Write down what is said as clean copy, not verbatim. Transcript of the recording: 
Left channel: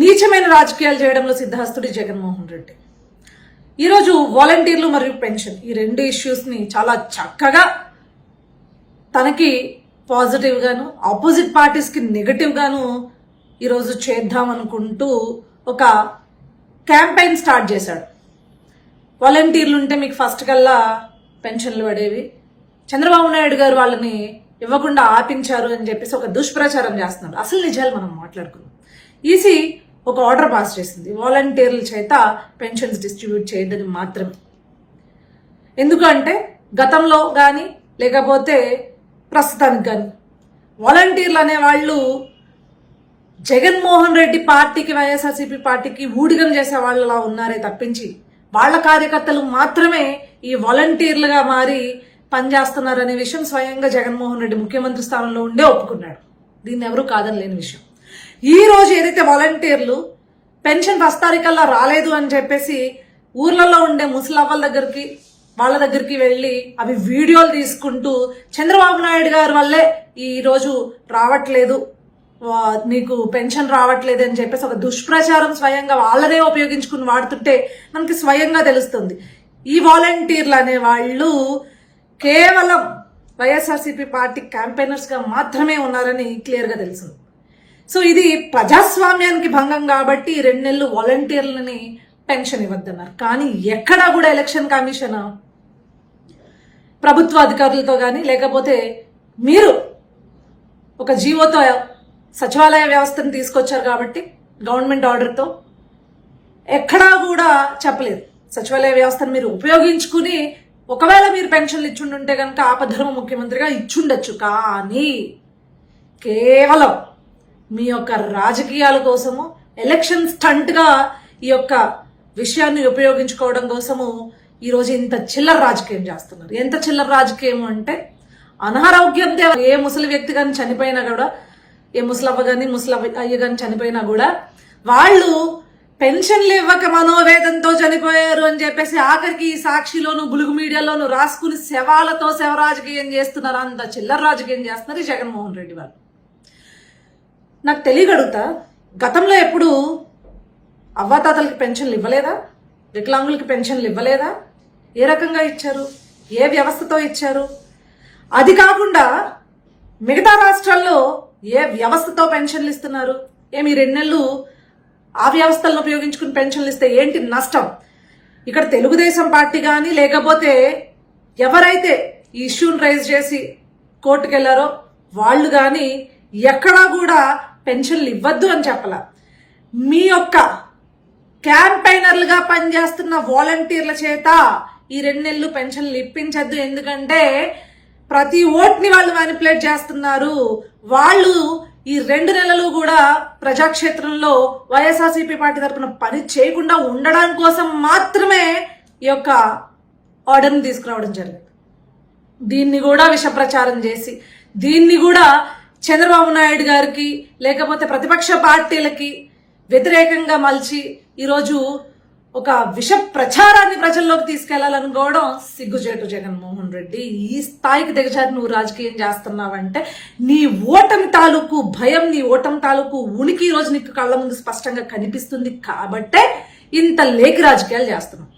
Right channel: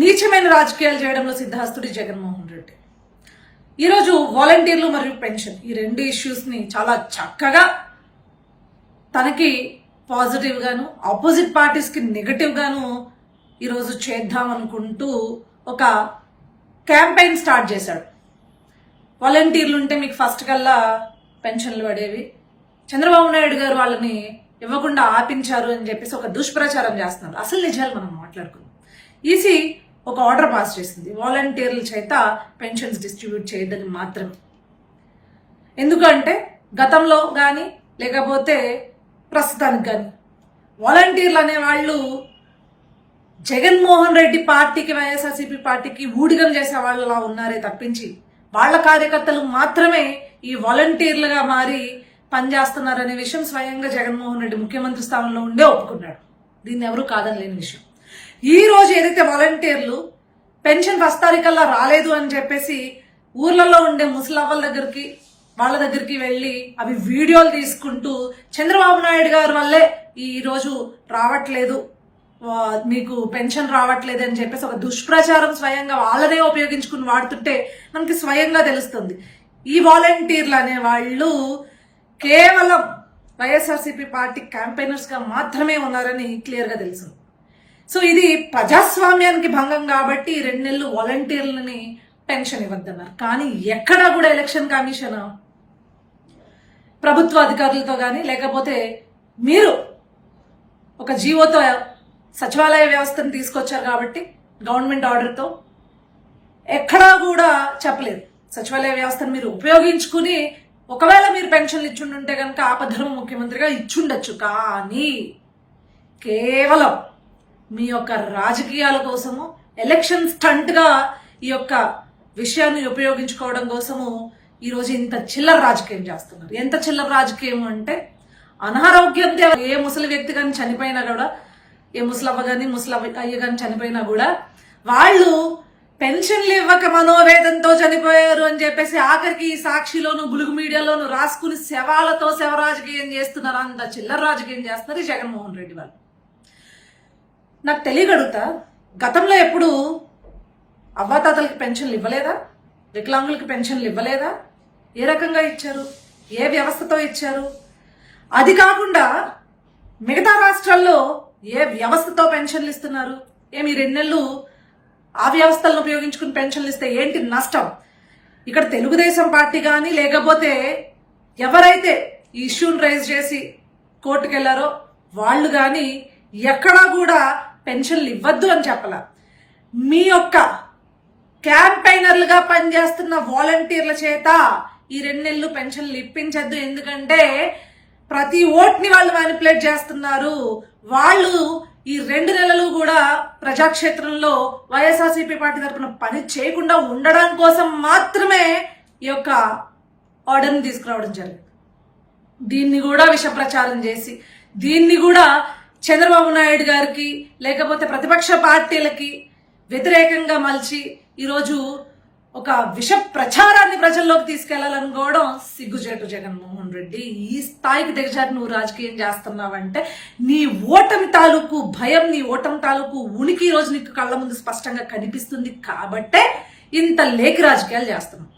నీచమైన రాజకీయాలు చేయడంలో సిద్ధహస్తుడి జగన్మోహన్ రెడ్డి. ఈరోజు వాలంటీర్లు మరియు పెన్షన్ ఈ రెండు ఇష్యూస్ ని చాలా చక్కగా తనకి పాజిటివ్ గాను ఆపోజిట్ పార్టీస్ కి నెగటివ్ గాను ఈరోజు చేద్దాం అనుకుంటూ ఒక క్యాంపెయిన్ స్టార్ట్ చేశాడు. వాలంటీర్లు ఉంటే మీకు ఫస్ట్ కల్లా పెన్షన్లు పడేవి, చంద్రబాబు నాయుడు గారు వాళ్ళని ఇవ్వకుండా ఆపించారు అని చెప్పేసి ఒక దుష్ప్రచారం చేస్తున్నారు. అసలు నిజాలు మనం మాట్లాడుకున్నాం. ఈసీ ఒక ఆర్డర్ పాస్ చేసింది, వాలంటీర్ల చేత పెన్షన్స్ డిస్ట్రిబ్యూట్ చేయదని మాత్రమే. ఎందుకంటే గతంలో కానీ లేకపోతే ప్రస్తుతానికి కానీ వాలంటీర్లు అనేవాళ్ళు జగన్మోహన్ రెడ్డి పార్టీకి వైఎస్ఆర్సీపీ పార్టీకి ఊడిగం చేసే వాళ్ళలా ఉన్నారే తప్పించి వాళ్ళ కార్యకర్తలు మాత్రమే ఈ వాలంటీర్లుగా మారి పనిచేస్తున్నారనే విషయం స్వయంగా జగన్మోహన్ రెడ్డి ముఖ్యమంత్రి స్థానంలో ఉండే ఒప్పుకున్నాడు. దీన్ని ఎవరూ కాదని లేని విషయం. ఈ రోజు ఏదైతే వాలంటీర్లు పెన్షన్ ఫస్ట్ తారీఖల్లా రాలేదు అని చెప్పేసి ఊర్లలో ఉండే ముసలవ్వల దగ్గరికి వాళ్ళ దగ్గరికి వెళ్లి అవి వీడియోలు తీసుకుంటూ చంద్రబాబు నాయుడు గారి వల్లే ఈ రోజు రావట్లేదు, మీకు పెన్షన్ రావట్లేదు అని చెప్పేసి ఒక దుష్ప్రచారం స్వయంగా వాళ్ళనే ఉపయోగించుకుని వాడుతుంటే మనకి స్వయంగా తెలుస్తుంది. ఈ వాలంటీర్లు అనే వాళ్ళు కేవలం వైఎస్ఆర్సీపీ పార్టీ క్యాంపెయినర్స్ గా మాత్రమే ఉన్నారని క్లియర్ గా తెలుస్తుంది. సో ఇది ప్రజాస్వామ్యానికి భంగం కాబట్టి 2 నెలలు వాలంటీర్లని పెన్షన్ ఇవ్వద్దన్నారు. కానీ ఎక్కడా కూడా ఎలక్షన్ కమిషన్ ప్రభుత్వ అధికారులతో కానీ లేకపోతే మీరు ఒక జీవోతో సచివాలయ వ్యవస్థను తీసుకొచ్చారు కాబట్టి గవర్నమెంట్ ఆర్డర్తో ఎక్కడా కూడా చెప్పలేదు. సచివాలయ వ్యవస్థను మీరు ఉపయోగించుకుని ఒకవేళ మీరు పెన్షన్లు ఇచ్చుండుంటే కనుక ఆపద్ధర్మ ముఖ్యమంత్రిగా ఇచ్చుండొచ్చు. కానీ కేవలం మీ యొక్క రాజకీయాల కోసము ఎలక్షన్ స్టంట్ గా ఈ యొక్క విషయాన్ని ఉపయోగించుకోవడం కోసము ఈరోజు ఇంత చిల్లర రాజకీయం చేస్తున్నారు. ఎంత చిల్లర రాజకీయం అంటే అనారోగ్యంతో ఏ ముసలి వ్యక్తి కానీ చనిపోయినా కూడా, ఏ ముసలవ్వ కానీ అయ్య కానీ చనిపోయినా కూడా వాళ్ళు పెన్షన్లు ఇవ్వక మనోవేదంతో చనిపోయారు అని చెప్పేసి ఆఖరికి ఈ సాక్షిలోను బులుగు మీడియాలోను రాసుకుని శవాలతో శవ రాజకీయం చేస్తున్నారు. అంత చిల్లర రాజకీయం చేస్తున్నారు జగన్మోహన్ రెడ్డి వాళ్ళు. నాకు తెలియగలుగుతా, గతంలో ఎప్పుడు అవ్వాతాతలకి పెన్షన్లు ఇవ్వలేదా? వికలాంగులకి పెన్షన్లు ఇవ్వలేదా? ఏ రకంగా ఇచ్చారు? ఏ వ్యవస్థతో ఇచ్చారు? అది కాకుండా మిగతా రాష్ట్రాల్లో ఏ వ్యవస్థతో పెన్షన్లు ఇస్తున్నారు? ఏమి 2 నెలలు ఆ వ్యవస్థలను ఉపయోగించుకుని పెన్షన్లు ఇస్తే ఏంటి నష్టం? ఇక్కడ తెలుగుదేశం పార్టీ కానీ లేకపోతే ఎవరైతే ఈ ఇష్యూని రైజ్ చేసి కోర్టుకు వెళ్లారో వాళ్ళు కానీ ఎక్కడా కూడా పెన్షన్లు ఇవ్వద్దు అని చెప్పాల. మీ యొక్క క్యాంపెయినర్లుగా పనిచేస్తున్న వాలంటీర్ల చేత ఈ 2 నెలలు పెన్షన్లు ఇప్పించద్దు. ఎందుకంటే ప్రతి ఓట్ని వాళ్ళు మ్యానిపులేట్ చేస్తున్నారు. వాళ్ళు ఈ 2 నెలలు కూడా ప్రజాక్షేత్రంలో వైఎస్ఆర్సీపీ పార్టీ తరఫున పని చేయకుండా ఉండడం కోసం మాత్రమే ఈ యొక్క ఆర్డర్ని తీసుకురావడం జరిగింది. దీన్ని కూడా విష ప్రచారం చేసి దీన్ని కూడా చంద్రబాబు నాయుడు గారికి లేకపోతే ప్రతిపక్ష పార్టీలకి వ్యతిరేకంగా మలిచి ఈరోజు ఒక విష ప్రచారాన్ని ప్రజల్లోకి తీసుకెళ్లాలనుకోవడం సిగ్గుచేటు జగన్మోహన్ రెడ్డి. ఈ స్థాయికి దిగజారి నువ్వు రాజకీయం చేస్తున్నావంటే నీ ఓటమి తాలూకు భయం, నీ ఓటమి తాలూకు ఉనికి ఈరోజు నీకు కళ్ళ ముందు స్పష్టంగా కనిపిస్తుంది. కాబట్టే ఇంత లేఖి రాజకీయాలు చేస్తున్నావు.